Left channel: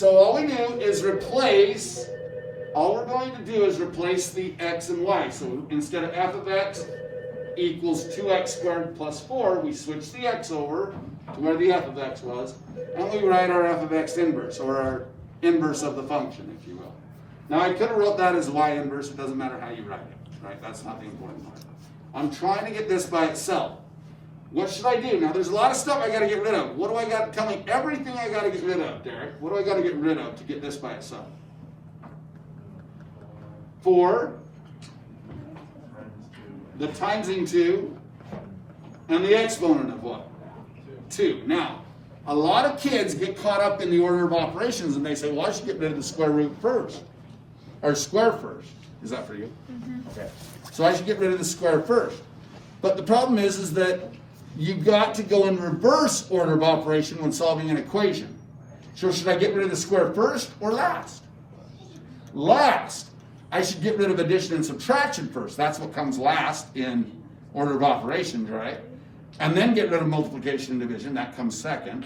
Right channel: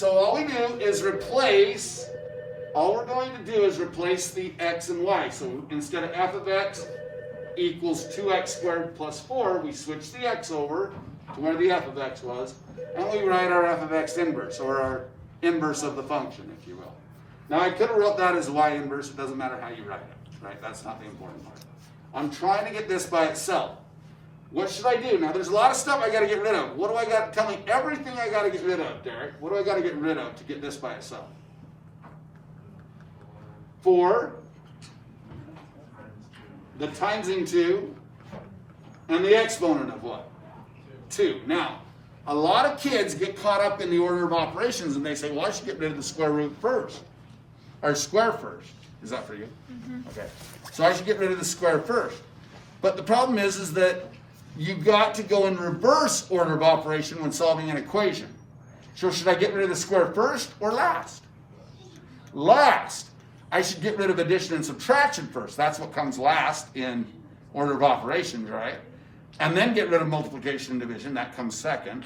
So all we do is replace, all we're going to do is replace the x and y. So instead of f of x equals 2x squared plus 4, we switch the x over to where the f of x was, and we write our f of x inverse, or our inverse of the function, if you will. Now I could have wrote that as y inverse. It doesn't matter how you write it, right? That's not the important part. I'm trying to get this by itself. What should I do? Now, there's a lot of stuff I got to get rid of. What do I got? Tell me everything I got to get rid of, Derek. What do I got to get rid of to get this by itself? 4, the timesing 2, and the exponent of what? 2. Now, a lot of kids get caught up in the order of operations, and they say, well, I should get rid of the square root first, or square first. Is that for you? Mm-hmm. Okay. So I should get rid of the square first. But the problem is that you've got to go in reverse order of operation when solving an equation. So should I get rid of the square first or last? Last. I should get rid of addition and subtraction first. That's what comes last in order of operations, right? And then get rid of multiplication and division. That comes second.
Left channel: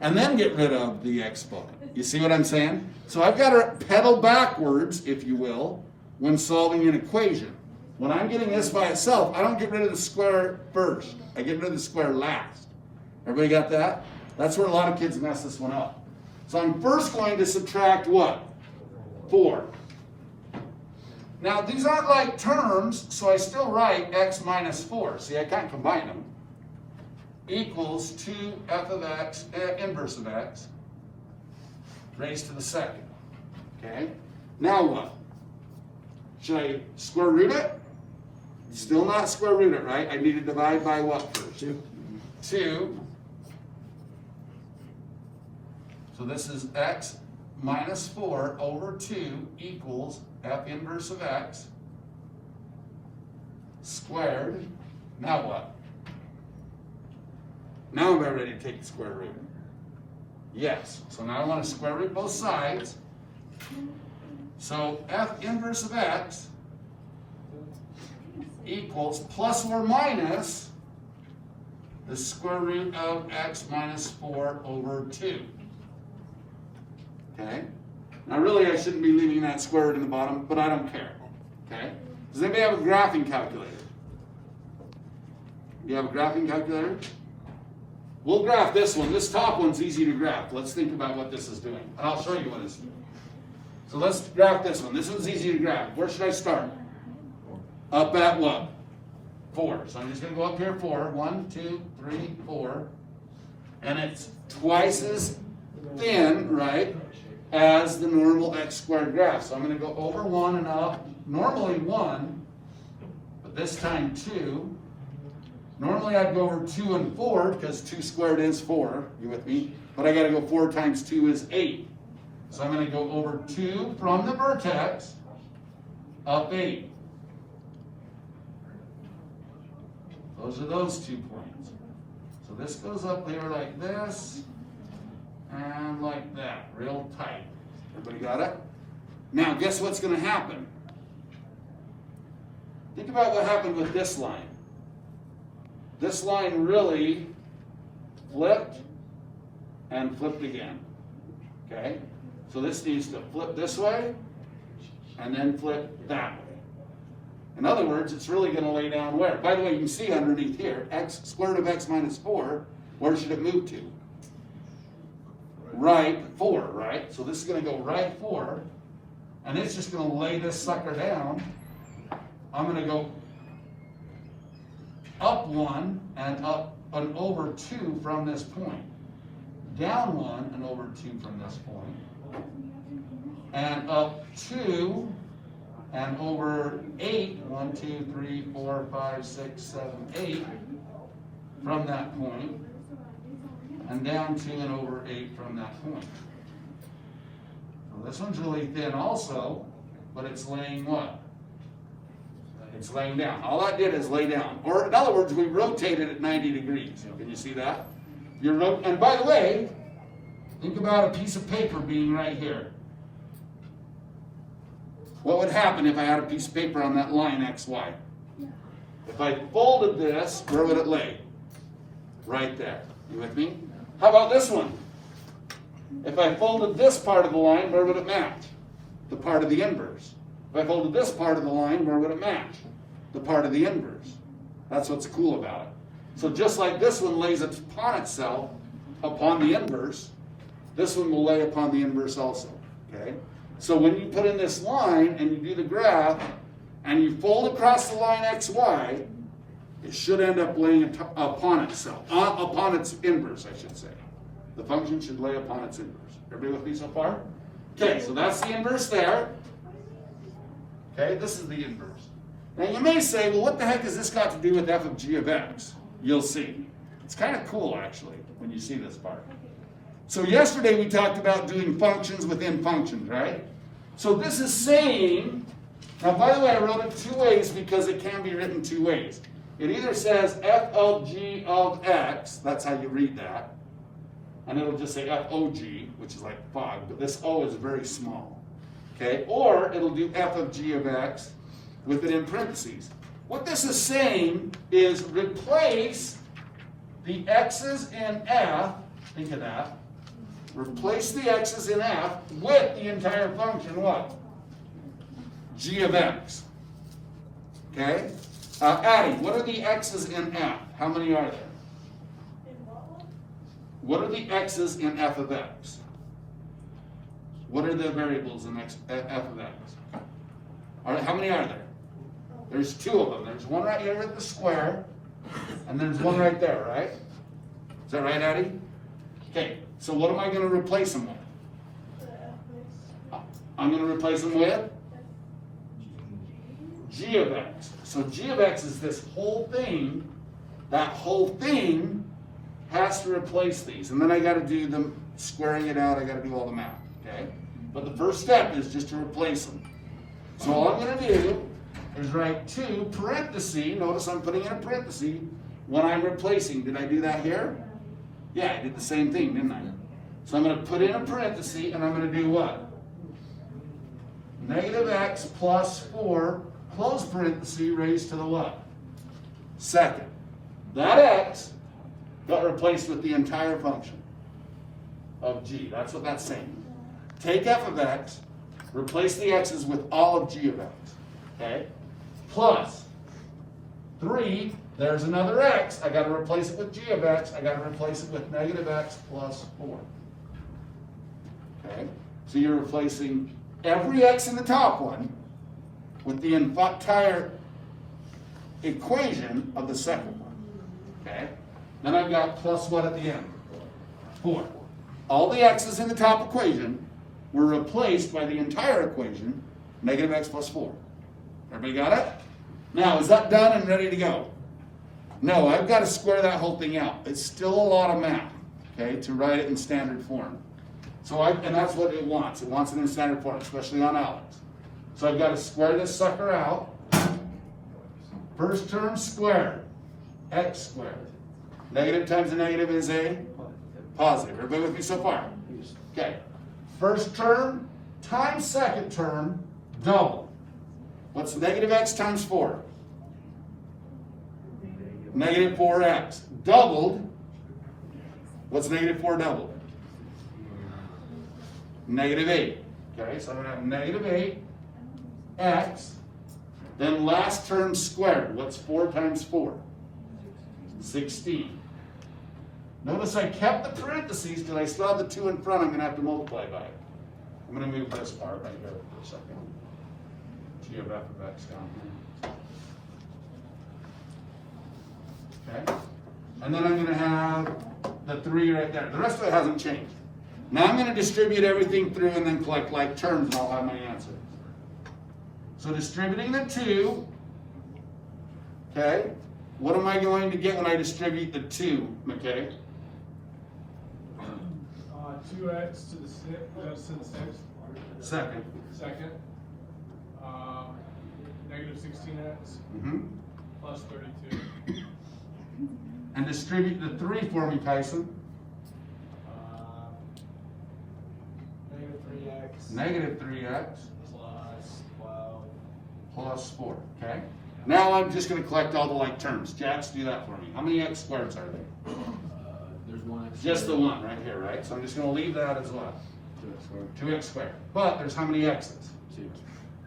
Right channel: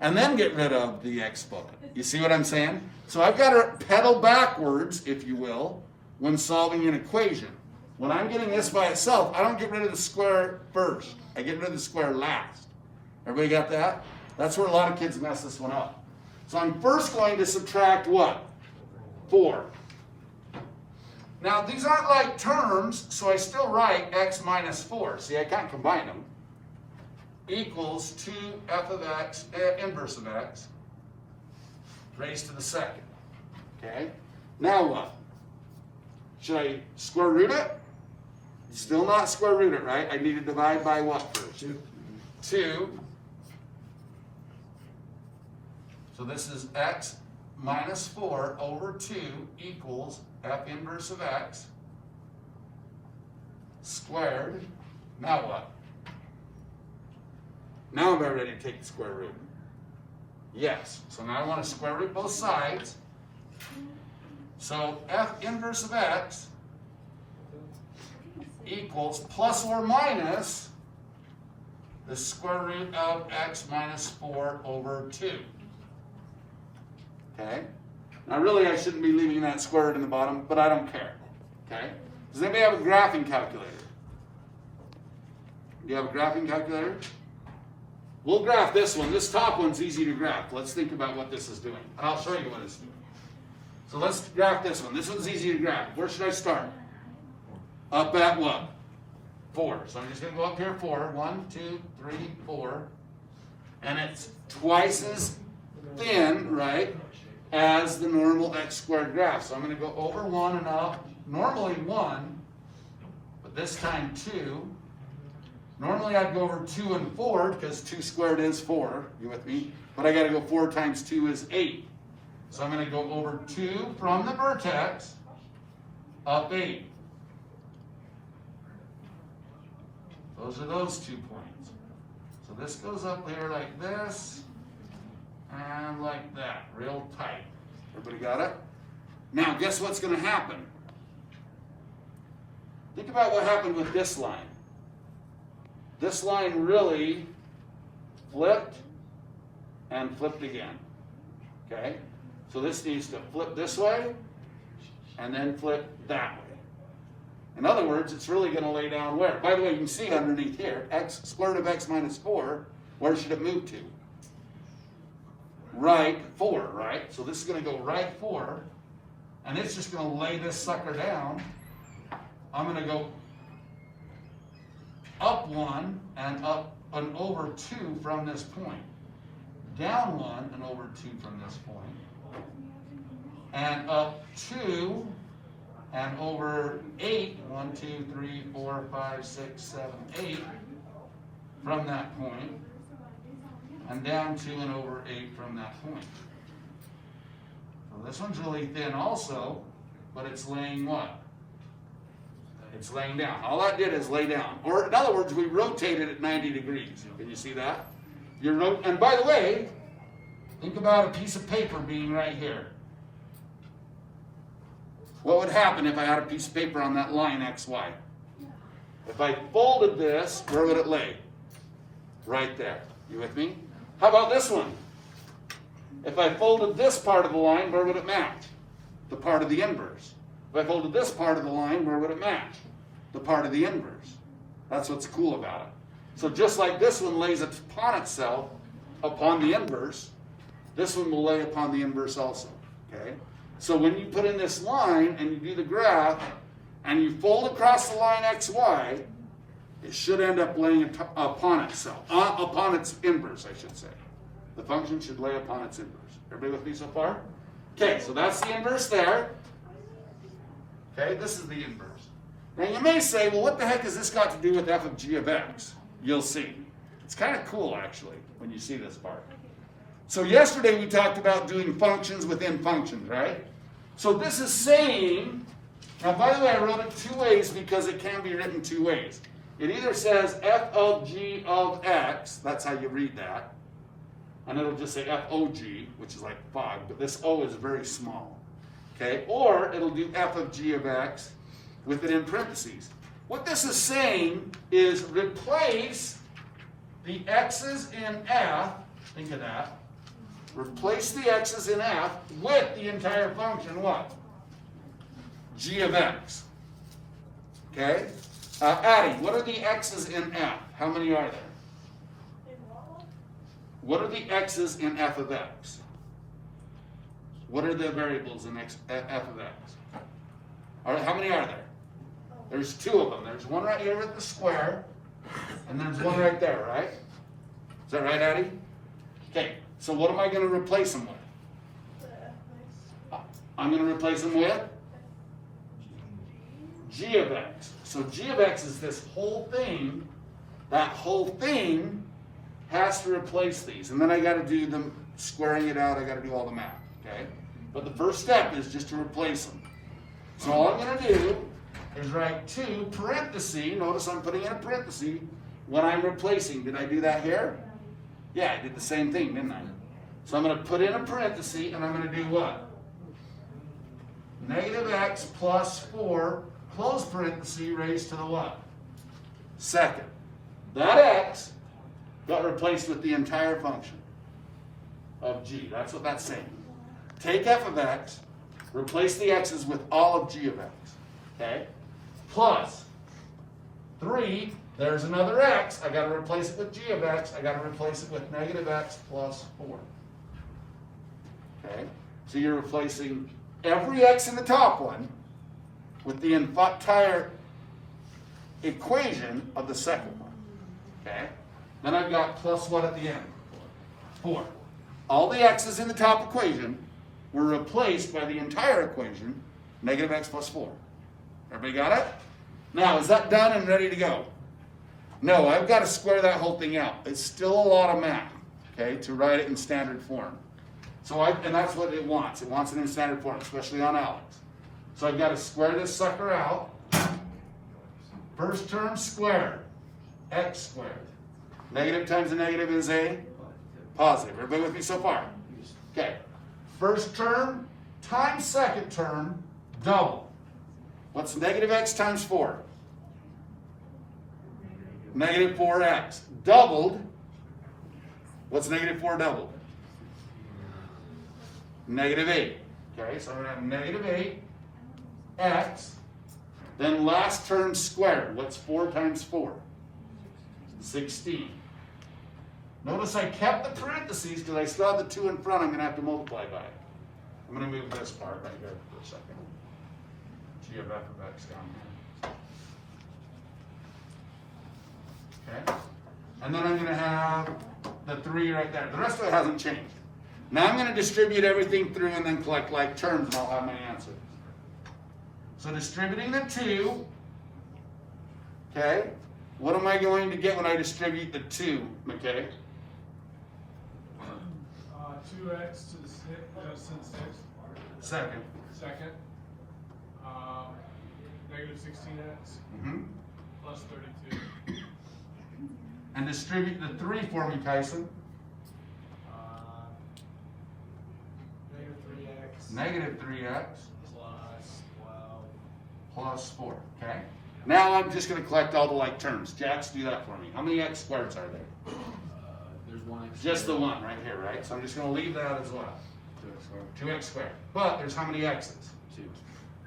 And then get rid of the exponent. You see what I'm saying? So I've got to pedal backwards, if you will, when solving an equation. When I'm getting this by itself, I don't get rid of the square first. I get rid of the square last. Everybody got that? That's where a lot of kids mess this one up. So I'm first going to subtract what? 4. Now, these aren't like terms, so I still write x minus 4. See, I can't combine them. Equals 2f of x, inverse of x, raised to the second. Okay? Now what? Should I square root it? Still not square root it, right? I need to divide by what first? 2. So this is x minus 4 over 2 equals f inverse of x squared. Now what? Now am I ready to take the square root? Yes. So now I want to square root both sides. So f inverse of x equals plus or minus the square root of x minus 4 over 2. Okay? Now really I shouldn't be leaving that square root in the bottom, but I don't care. Okay? Does anybody have a graphing calculator? Do you have a graphing calculator? We'll graph this one. This top one's easy to graph. Let's think about what this is doing. And I'll show you what it's doing. So let's graph this one. This one's easy to graph. Where should I start? Up at what? 4. So I'm just going to go up here 4. 1, 2, 3, 4. And it's twice as thin, right, as the normal x squared graph. So I'm going to go over 1 and up. Normally 1, but this time 2. Normally I'd go over 2 and 4 because 2 squared is 4. You with me? But I got to go 4 times 2 is 8. So I'm going to go over 2 from the vertex up 8. Those are those 2 points. So this goes up here like this and like that, real tight. Everybody got it? Now guess what's going to happen? Think about what happened with this line. This line really flipped and flipped again. Okay? So this needs to flip this way and then flip that way. In other words, it's really going to lay down where? By the way, you can see underneath here, x square root of x minus 4, where should it move to? Right 4, right? So this is going to go right 4, and it's just going to lay this sucker down. I'm going to go up 1 and up and over 2 from this point. Down 1 and over 2 from this point. And up 2 and over 8, 1, 2, 3, 4, 5, 6, 7, 8 from that point. And down 2 and over 8 from that point. So this one's really thin also, but it's laying what? It's laying down. All that did is lay down. Or in other words, we rotated at 90 degrees. Can you see that? And by the way, think about a piece of paper being right here. What would happen if I had a piece of paper on that line XY? If I folded this, where would it lay? Right there. You with me? How about this one? If I folded this part of the line, where would it match? The part of the inverse. If I folded this part of the line, where would it match? The part of the inverse. That's what's cool about it. So just like this one lays upon itself, upon the inverse, this one will lay upon the inverse also. Okay? So when you put in this line and you do the graph and you fold across the line xy, it should end up laying upon itself, upon its inverse, I should say. The function should lay upon its inverse. Everybody with me so far? Okay, so that's the inverse there. Okay, this is the inverse. Now you may say, well, what the heck has this got to do with f of g of x? You'll see. It's kind of cool, actually, when you see this part. So yesterday we talked about doing functions within functions, right? So this is saying, now by the way, I wrote it two ways because it can be written two ways. It either says f of g of x, that's how you read that, and it'll just say f o g, which is like 5, but this o is very small, okay? Or it'll do f of g of x with it in parentheses. What this is saying is replace the x's in f, think of that, replace the x's in f with the entire function, what? G of x, okay? Addie, what are the x's in f? How many are there? What are the x's in f of x? What are the variables in f of x? How many are there? There's two of them. There's one right here with the square, and there's one right there, right? Is that right, Addie? Okay, so what am I going to replace them with? I'm going to replace them with g of x. So g of x is this whole thing. That whole thing has to replace these. And then I got to do them, squaring it out, I got to do all the math, okay? But the first step is just to replace them. So all I'm going to do is write 2 parentheses. Notice I'm putting in a parenthesis when I'm replacing. Did I do that here? Yeah, I did the same thing, didn't I? So I'm going to put in a parenthesis, and I'm going to do what? Negative x plus 4, close parenthesis, raised to the what? Second. That x got replaced with the entire function of g. That's what that's saying. Take f of x, replace the x's with all of g of x. Okay? Plus 3, there's another x. I got to replace it with g of x. I got to replace it with negative x plus 4. Okay? So you're replacing every x in the top one with the entire equation of the second one. Okay? Then I've got plus what at the end? 4. All the x's in the top equation were replaced by the entire equation, negative x plus 4. Everybody got it? Now, is that done and ready to go? No, I've got to square that whole thing out. It's still a lot of math, okay, to write it in standard form. So and that's what it wants. It wants it in standard form, especially on Alex. So I've got to square this sucker out. First term squared, x squared. Negative times a negative is a positive. Everybody with me so far? Okay. First term times second term, double. What's negative x times 4? Negative 4x. Doubled. What's negative 4 doubled? Negative 8. Okay, so I'm going to have negative 8x. Then last term squared. What's 4 times 4? 16. Notice I kept the parentheses because I still have the 2 in front I'm going to have to multiply by. I'm going to move this part right here for a second. G of f of x down here. Okay? And then I'm going to have the 3 right there. The rest of it hasn't changed. Now I'm going to distribute everything through and then collect like terms and I'll have my answer. So distributing the 2, okay? What am I going to get when I distribute the 2, McKay? 2x to the 6th. Second. Negative 16x plus 32. And distribute the 3 for me, Tyson. Negative 3x. Negative 3x. Plus 12. Plus 4, okay? Now I'm just going to collect all the like terms. Jax, do that for me. How many x squareds are there? There's 1x Just the one right here, right? So I'm just going to leave that as well. 2x squared. But there's how many x's? 2.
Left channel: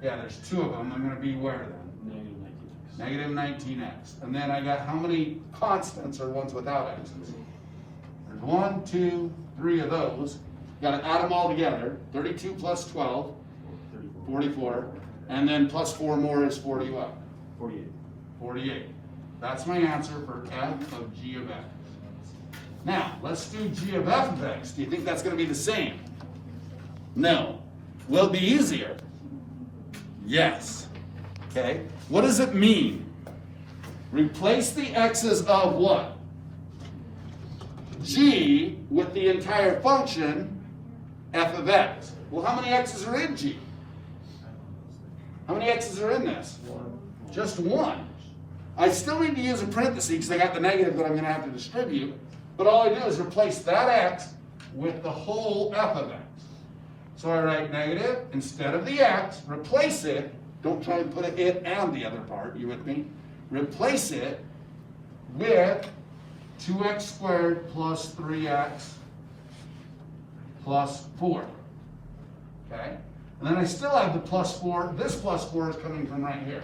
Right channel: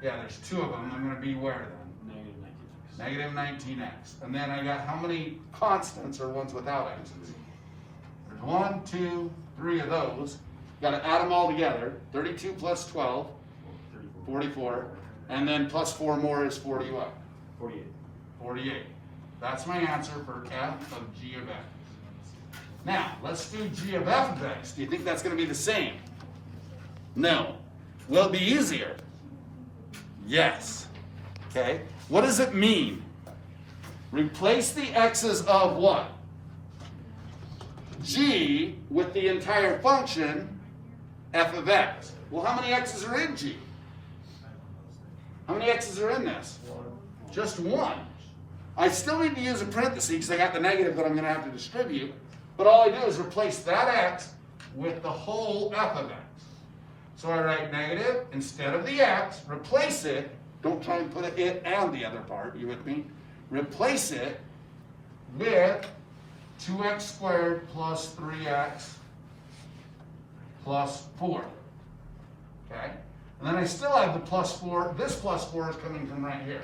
Yeah, there's 2 of them. I'm going to be where then? Negative 19x. And then I got how many constants or ones without x's? There's 1, 2, 3 of those. Got to add them all together. 32 plus 12, 44. And then plus 4 more is 40 what? 48. 48. That's my answer for f of g of x. Now, let's do g of f of x. Do you think that's going to be the same? No. Will it be easier? Yes. Okay. What does it mean? Replace the x's of what? G with the entire function f of x. Well, how many x's are in g? How many x's are in this? Just 1. I still need to use a parenthesis because I got the negative that I'm going to have to distribute. But all I do is replace that x with the whole f of x. So I write negative instead of the x, replace it. Don't try and put it and the other part, you with me? Replace it with 2x squared plus 3x plus 4. Okay? And then I still have the plus 4. This plus 4 is coming from right here.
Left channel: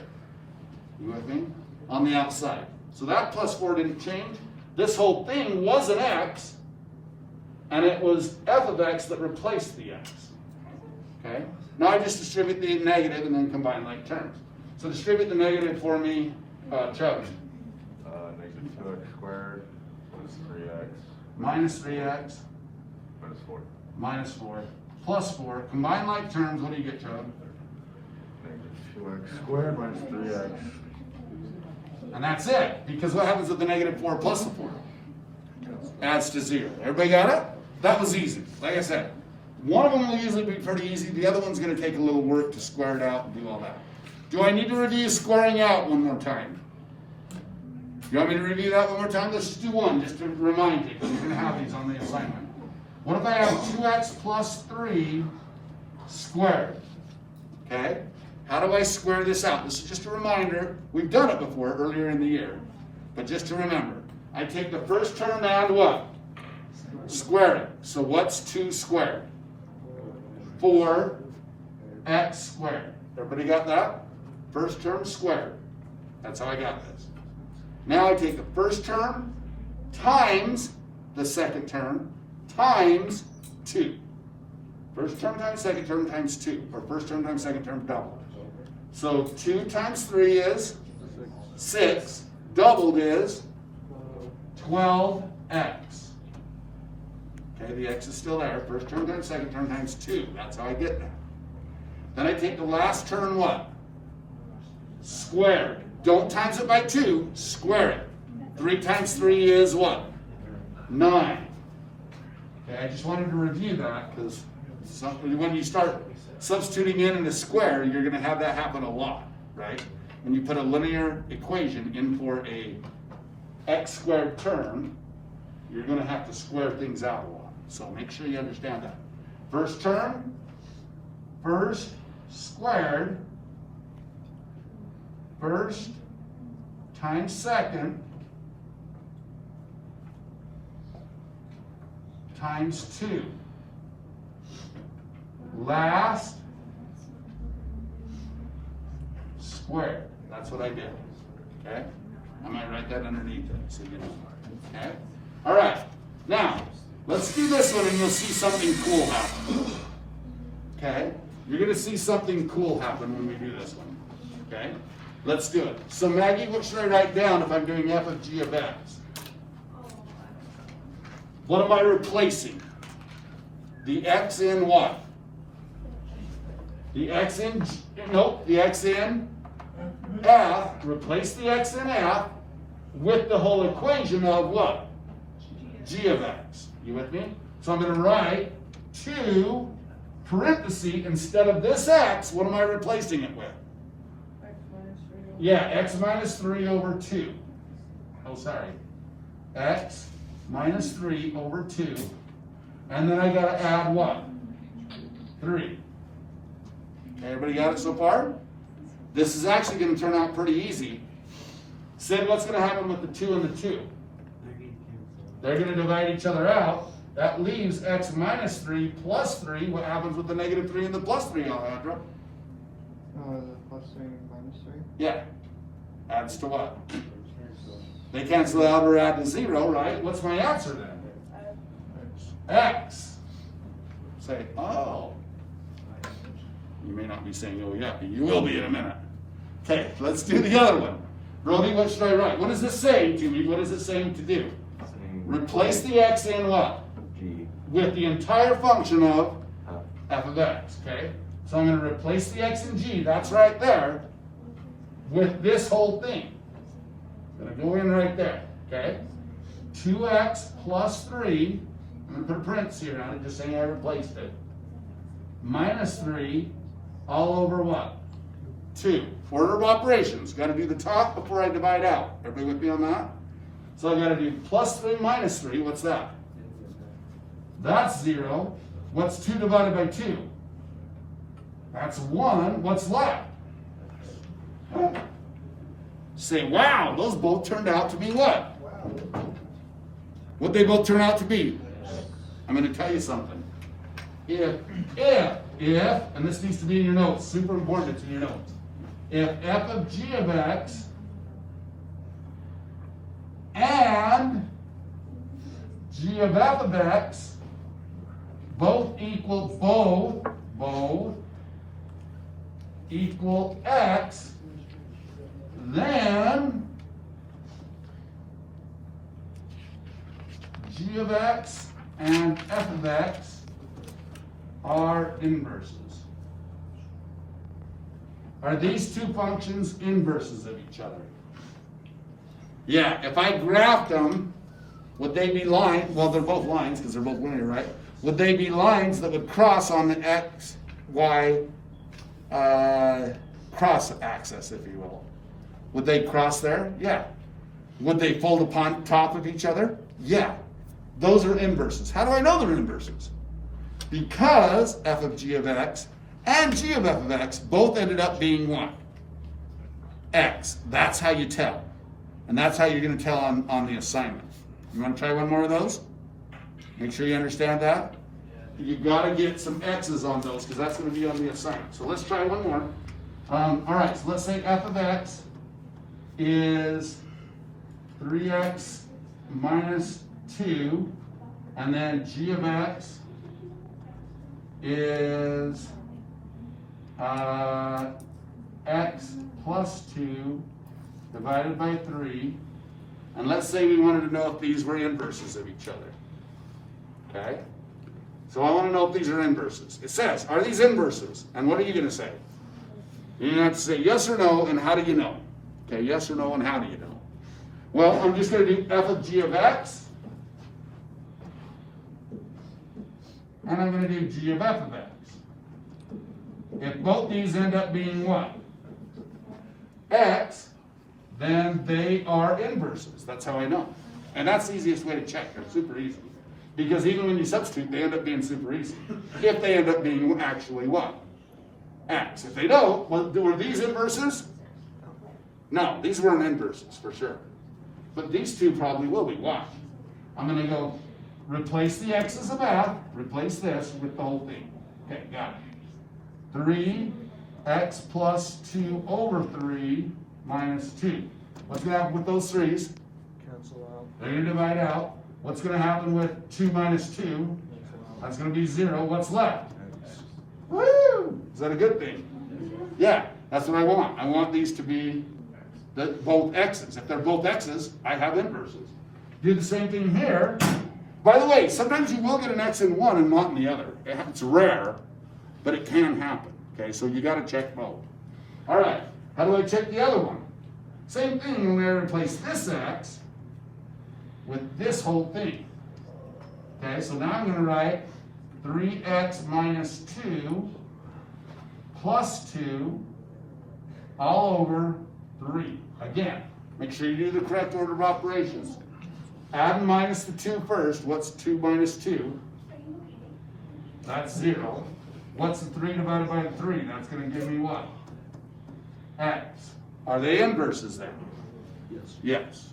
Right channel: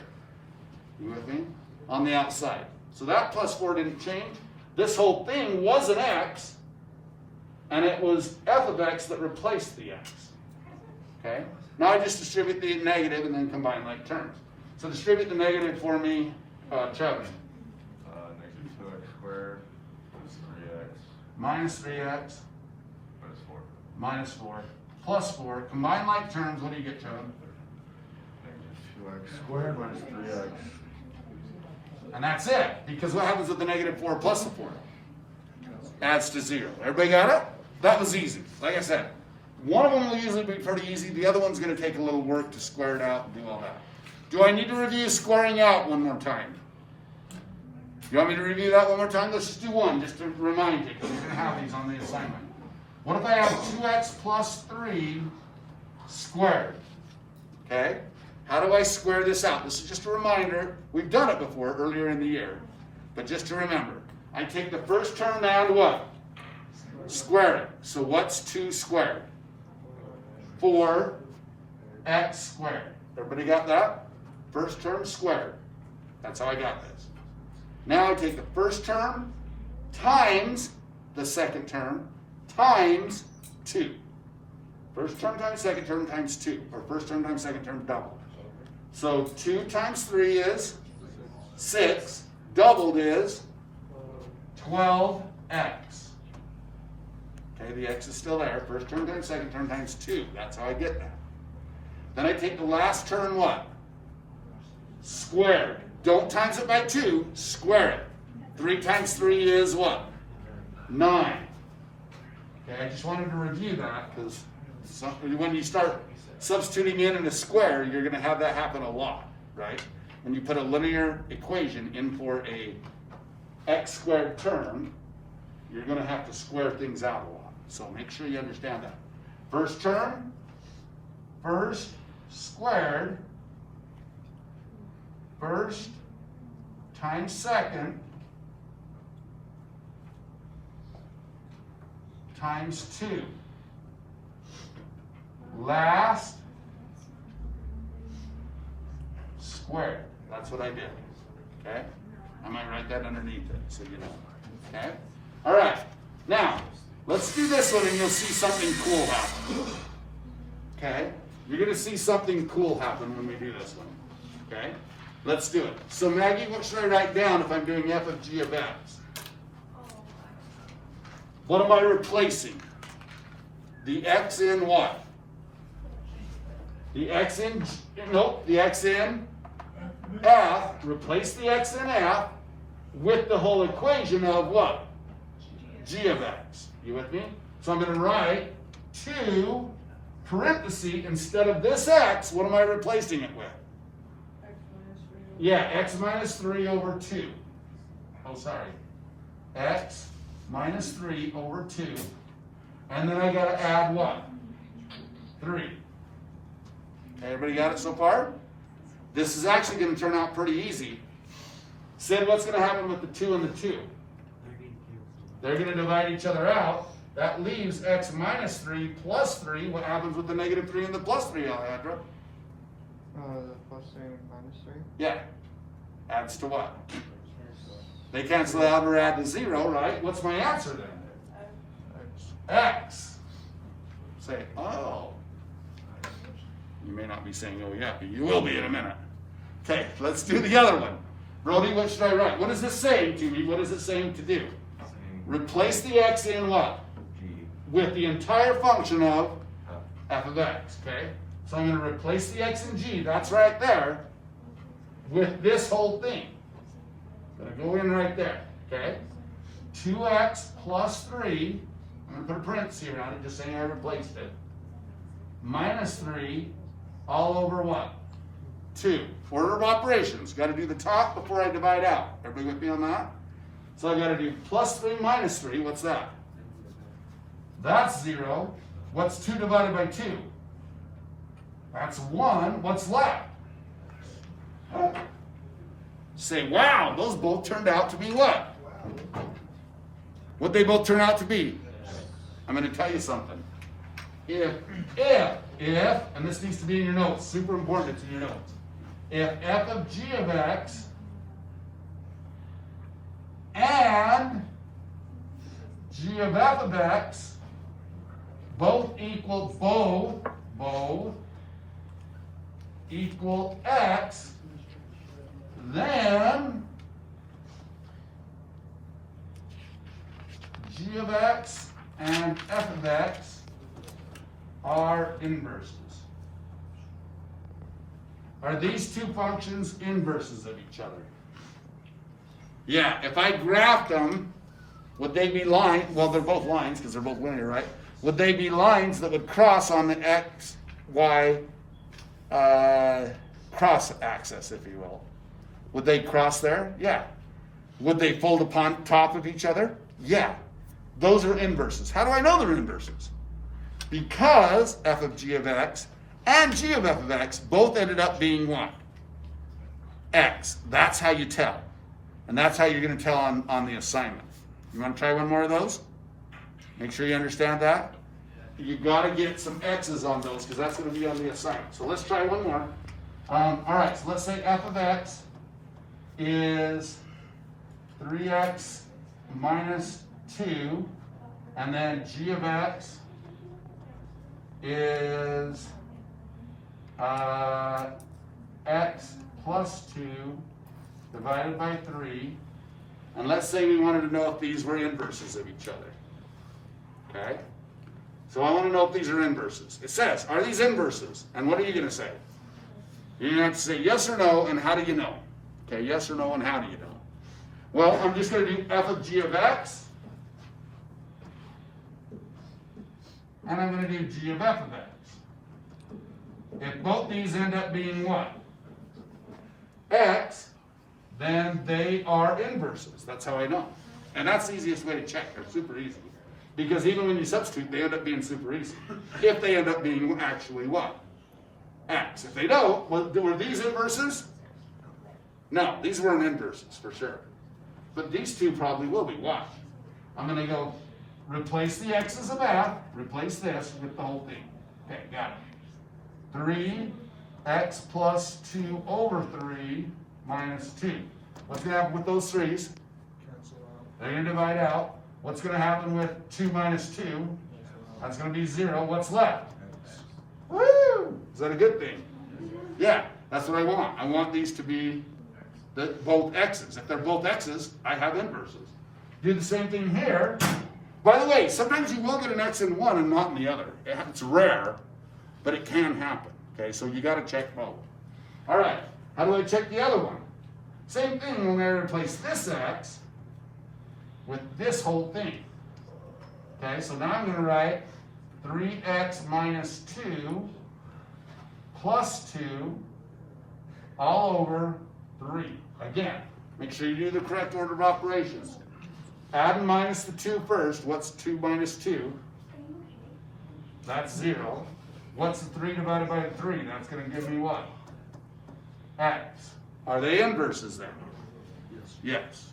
You with me? On the outside. So that plus 4 didn't change. This whole thing was an x, and it was f of x that replaced the x. Okay? Now I just distribute the negative and then combine like terms. So distribute the negative for me, Trevor. Negative 2x squared plus 3x Minus 3x minus 4. minus 4 plus 4. Combine like terms. What do you get, Trevor? Negative 2x squared minus 3x. And that's it. Because what happens with the negative 4 plus the 4? Adds to 0. Everybody got it? That was easy. Like I said, one of them will usually be pretty easy. The other one's going to take a little work to square it out and do all that. Do I need to review squaring out one more time? You want me to review that one more time? Let's just do one, just to remind you, because you're going to have these on the assignment. What if I have 2x plus 3 squared? Okay? How do I square this out? This is just a reminder. We've done it before earlier in the year. But just to remember, I take the first term and what? Square it. So what's 2 squared? 4x squared. Everybody got that? First term squared. That's how I got this. Now I take the first term times the second term times 2. First term times second term times 2. Or first term times second term double. So 2 times 3 is 6. Doubled is 12x. Okay, the x is still there. First term times second term times 2. That's how I get that. Then I take the last term what? Squared. Don't times it by 2. Square it. 3 times 3 is what? 9. Okay, I just wanted to review that because when you start substituting in a square, you're going to have that happen a lot, right? When you put a linear equation in for a x squared term, you're going to have to square things out a lot. So make sure you understand that. First term, first squared, first times second times 2. Last squared. That's what I did. Okay? I might write that underneath it so you know. Okay? All right. Now, let's do this one and you'll see something cool happen. Okay? You're going to see something cool happen when we do this one. Okay? Let's do it. So Maggie, what should I write down if I'm doing f of g of x? What am I replacing? The x in what? The x in, nope, the x in f, replace the x in f with the whole equation of what? G of x. You with me? So I'm going to write 2 parentheses instead of this x, what am I replacing it with? Yeah, x minus 3 over 2. Oh, sorry. X minus 3 over 2. And then I got to add what? 3. Everybody got it so far? This is actually going to turn out pretty easy. Sid, what's going to happen with the 2 and the 2? They're gonna divide each other out. That leaves x minus 3 plus 3. What happens with the negative 3 and the plus 3, Alejandro? The plus 3 and minus 3. Yeah. Adds to what? They cancel out or add to 0, right? What's my answer then? X. Say, oh. You may not be saying, oh yeah, but you will be in a minute. Okay, let's do the other one. Brody, what should I write? What does this say to me? What is it saying to do? Replace the x in what? G. With the entire function of f of x, okay? So I'm going to replace the x in g, that's right there, with this whole thing. I'm going to go in right there, okay? 2x plus 3, I'm going to put a parenthesis here on it, just saying I replaced it, minus 3, all over what? 2. Order of operations. Got to do the top before I divide out. Everybody with me on that? So I got to do plus 3 minus 3. What's that? That's 0. What's 2 divided by 2? That's 1. What's left? Say, wow, those both turned out to be what? What'd they both turn out to be? I'm going to tell you something. If, and this needs to be in your notes, super important, it's in your notes. If f of g of x and g of f of x both equal x, then g of x and f of x are inverses. Are these two functions inverses of each other? Yeah, if I graphed them, would they be lines? Well, they're both lines because they're both linear, right? Would they be lines that would cross on the x, y, cross axis, if you will? Would they cross there? Yeah. Would they fold upon top of each other? Yeah. Those are inverses. How do I know they're inverses? Because f of g of x and g of f of x both ended up being what? X. That's how you tell. And that's how you're going to tell on the assignment. You want to try one more of those? Make sure you understand that. You got to get some x's on those because that's going to be on the assignment. So let's try one more. All right, so let's say f of x is 3x minus 2, and then g of x is x plus 2 divided by 3, and let's say we wanted to know if these were inverses of each other. Okay? So I want to know if these are inverses. It says, are these inverses? And what are you going to say? You're going to have to say yes or no, and how do you know? Okay, yes or no, and how do you know? Well, I'm just going to do f of g of x, and I'm going to do g of f of x. If both these end up being what? X, then they are inverses. That's how I know. And that's the easiest way to check. They're super easy. Because even when you substitute, they end up being super easy. If they end up being actually what? X. If they don't, were these inverses? No, these weren't inverses for sure. But these two probably will be. Why? I'm going to go replace the x's of f, replace this with the whole thing. Okay, got it. 3x plus 2 over 3 minus 2. What's going to happen with those 3's? Cancel out. They're going to divide out. What's going to happen with 2 minus 2? That's going to be 0. What's left? Woo! Is that a good thing? Yeah, that's what I want. I want these to be both x's. If they're both x's, I have inverses. Do the same thing here. By the way, sometimes you will get an x in one and not in the other. It's rare, but it can happen. Okay, so you got to check both. All right, how do I check the other one? Same thing when we replace this x with this whole thing. Okay, so now I'm going to write 3x minus 2 plus 2 all over 3. Again, make sure you do the correct order of operations. Add and minus the 2 first. What's 2 minus 2? That's 0. What's the 3 divided by 3? That's going to give me what? X. Are they inverses then? Yes. Yes.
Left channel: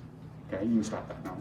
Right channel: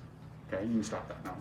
Okay, you can stop that now.